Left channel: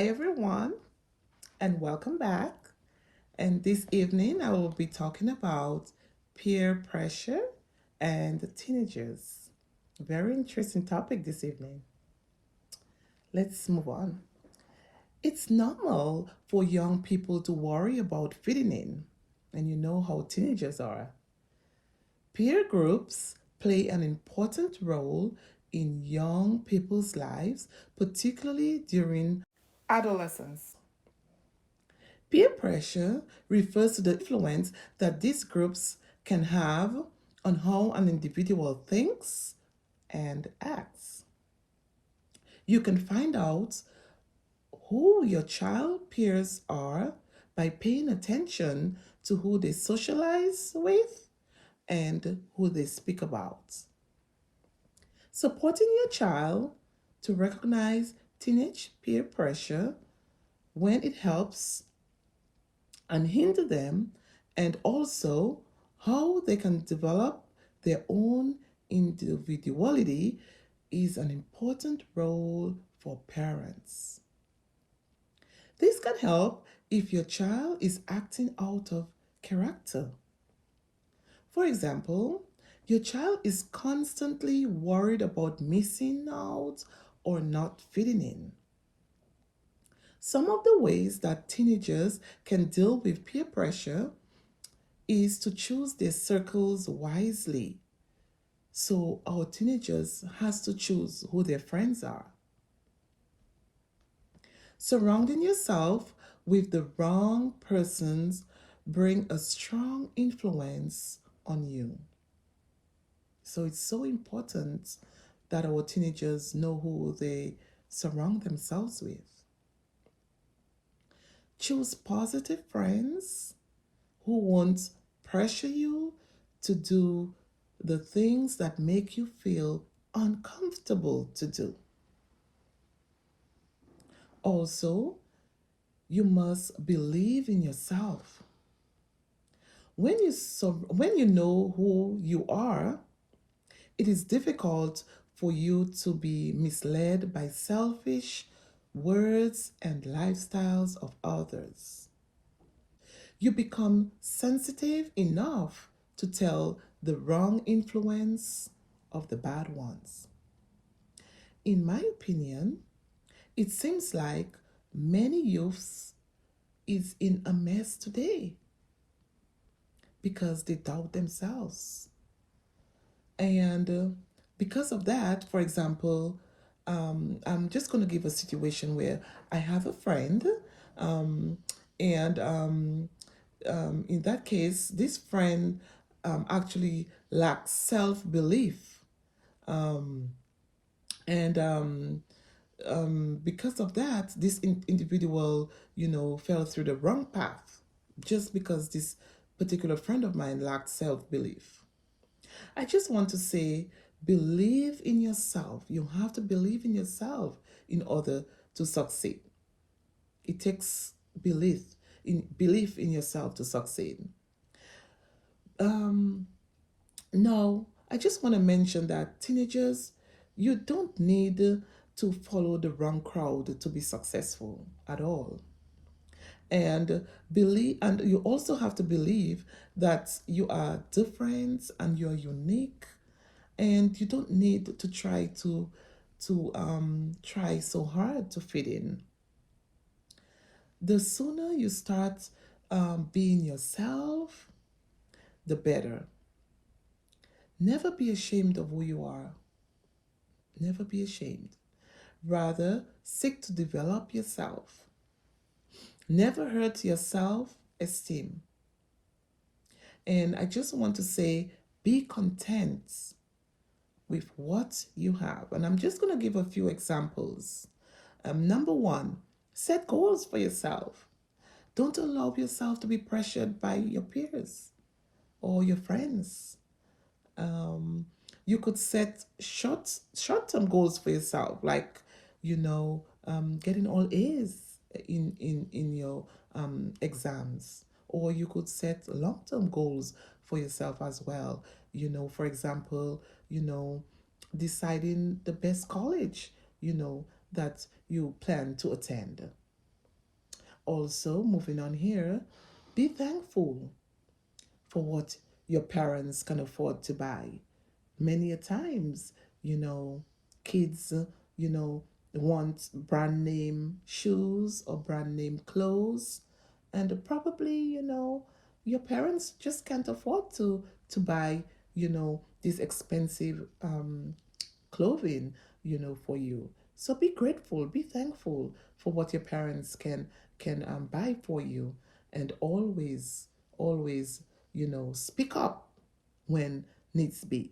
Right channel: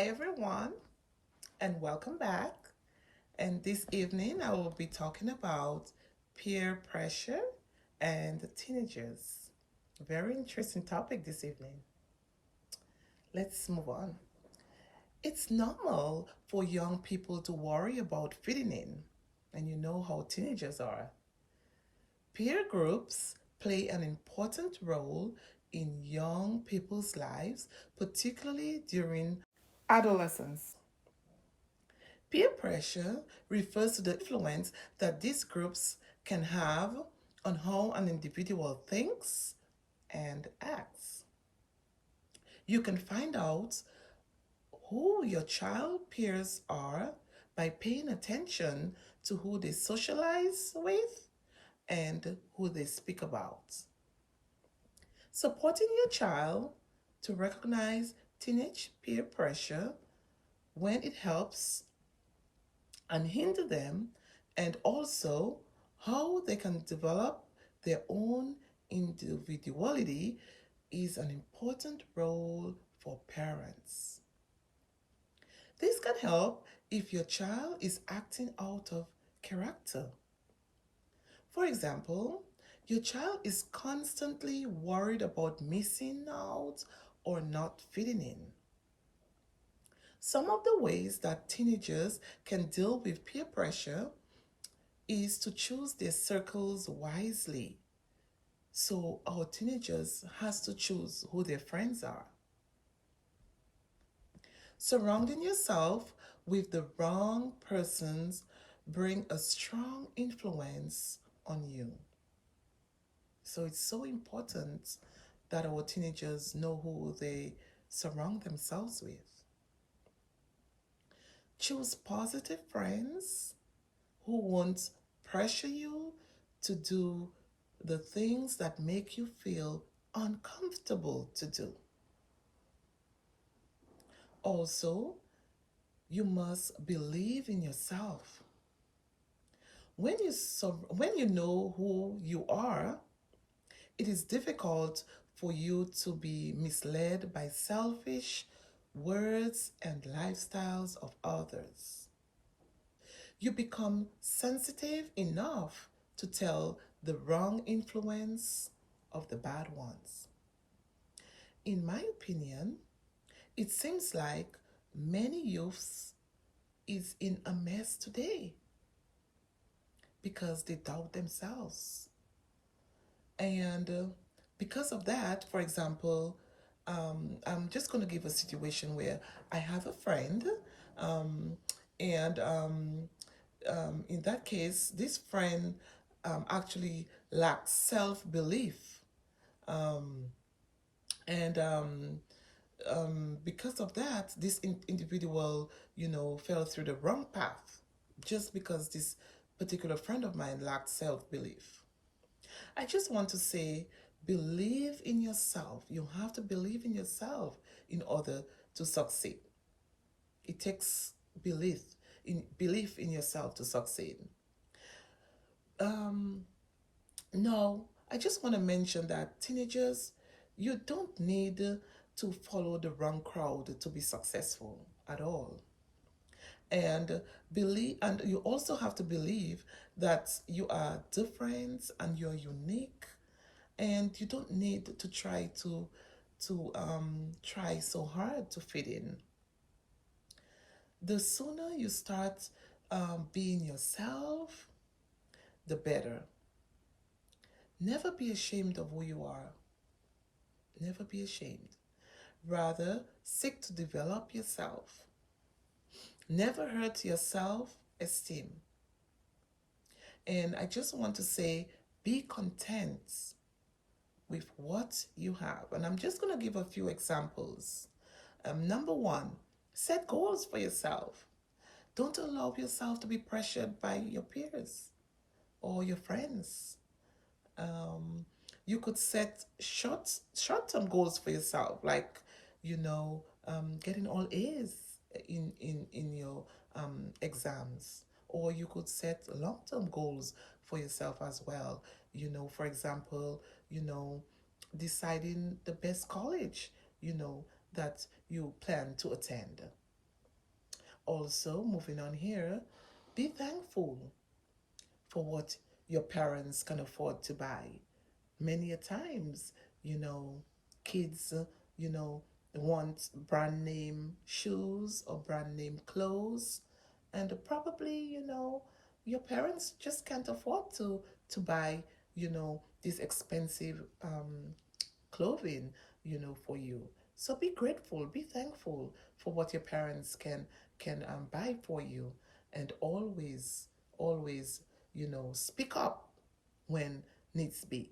Hi, everyone, and welcome back. And this evening, I will be talking about peer pressure and teenagers. Very interesting topic this evening. Let's move on. It's normal for young people to worry about fitting in, and you know how teenagers are. Peer groups play an important role in young people's lives, particularly during adolescence. Peer pressure refers to the influence that these groups can have on how an individual thinks and acts. You can find out who your child peers are by paying attention to who they socialize with and who they speak about. Supporting your child to recognize teenage peer pressure when it helps and hinder them, and also how they can develop their own individuality is an important role for parents. This can help if your child is acting out of character. For example, your child is constantly worried about missing out or not fitting in. Some of the ways that teenagers can deal with peer pressure is to choose their circles wisely. So our teenagers has to choose who their friends are. Surrounding yourself with the wrong persons bring a strong influence on you. So it's so important that our teenagers know who they surround themselves with. Choose positive friends who won't pressure you to do the things that make you feel uncomfortable to do. Also, you must believe in yourself. When you know who you are, it is difficult for you to be misled by selfish words and lifestyles of others. You become sensitive enough to tell the wrong influence of the bad ones. In my opinion, it seems like many youths is in a mess today because they doubt themselves. And because of that, for example, I'm just going to give a situation where I have a friend, um, and in that case, this friend actually lacks self belief. Um, and Because of that, this individual, fell through the wrong path just because this particular friend of mine lacked self belief. I just want to say, believe in yourself. You have to believe in yourself in order to succeed. It takes belief in yourself to succeed. Um, Now, I just want to mention that teenagers, you don't need to follow the wrong crowd to be successful at all. And you also have to believe that you are different and you're unique, and you don't need to try so hard to fit in. The sooner you start being yourself, the better. Never be ashamed of who you are. Never be ashamed. Rather, seek to develop yourself. Never hurt your self esteem. And I just want to say, be content with what you have. And I'm just going to give a few examples. Number one, set goals for yourself. Don't allow yourself to be pressured by your peers or your friends. Um, you could set short-term goals for yourself, like getting all A's in your exams, or you could set long-term goals for yourself as well. For example, deciding the best college that you plan to attend. Also, moving on here, be thankful for what your parents can afford to buy. Many a times, you know, kids, you know, want brand name shoes or brand name clothes, and probably, your parents just can't afford to buy, these expensive clothing, for you. So be grateful, be thankful for what your parents can buy for you, and always, speak up when needs be.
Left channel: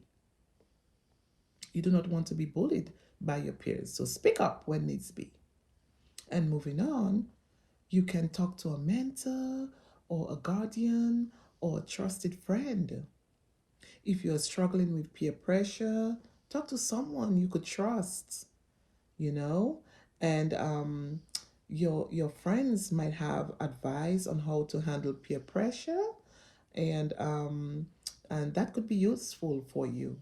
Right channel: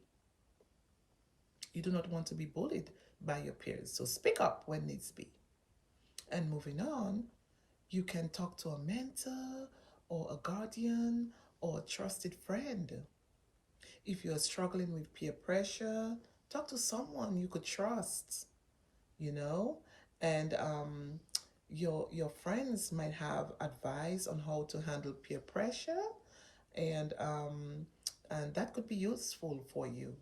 You do not want to be bullied by your peers, so speak up when needs be. And moving on, you can talk to a mentor or a guardian or a trusted friend. If you're struggling with peer pressure, talk to someone you could trust, you know, and your friends might have advice on how to handle peer pressure, and that could be useful for you.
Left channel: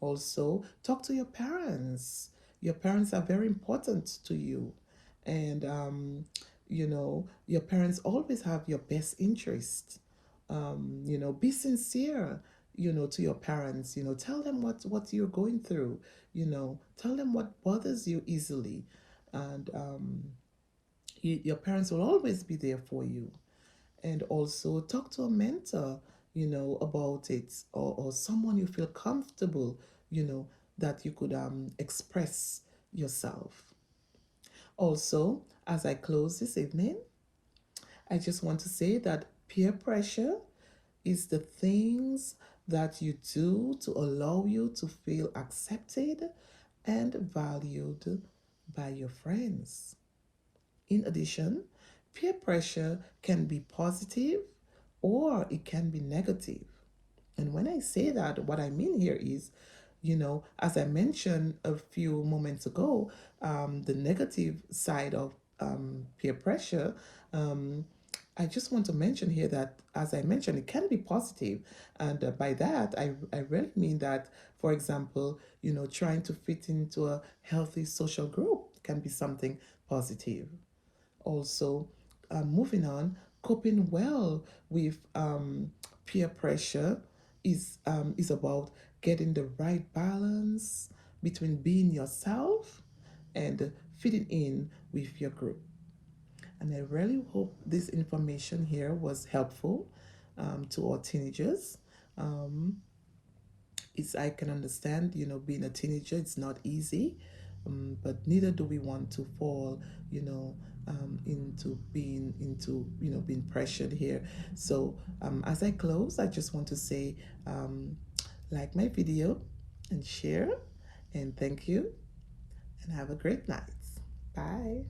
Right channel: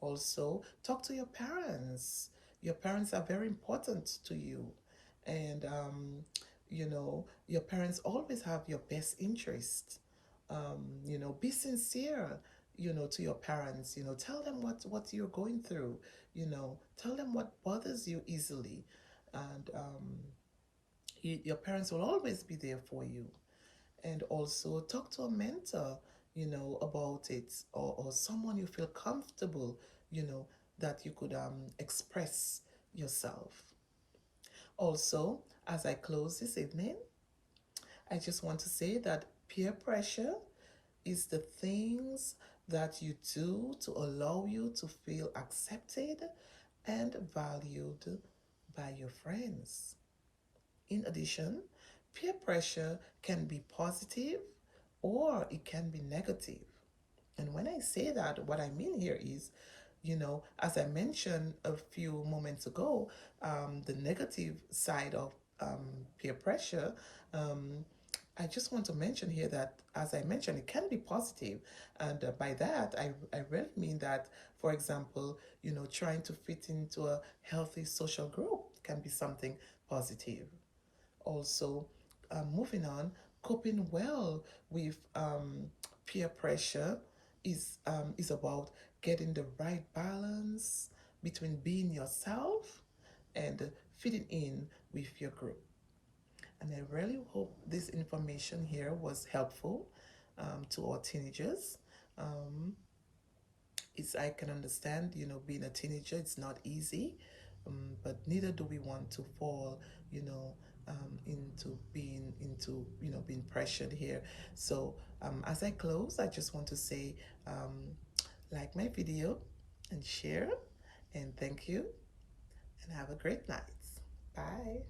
Also, talk to your parents. Your parents are very important to you, and your parents always have your best interest. Be sincere, to your parents. Tell them what you're going through. Tell them what bothers you easily, and your parents will always be there for you. And also talk to a mentor, about it, or someone you feel comfortable, that you could express yourself. Also, as I close this evening, I just want to say that peer pressure is the things that you do to allow you to feel accepted and valued by your friends. In addition, peer pressure can be positive or it can be negative. And when I say that, what I mean here is, as I mentioned a few moments ago, the negative side of peer pressure, I just want to mention here that, as I mentioned, it can be positive. And by that, I really mean that, for example, trying to fit into a healthy social group can be something positive. Also, moving on, coping well with peer pressure is about getting the right balance between being yourself and fitting in with your group. And I really hope this information here was helpful to our teenagers. Um, it's I can understand, being a teenager, it's not easy, but neither do we want to fall, into being pressured here. So as I close, I just want to say, like my video and share, and thank you, and have a great night. Bye.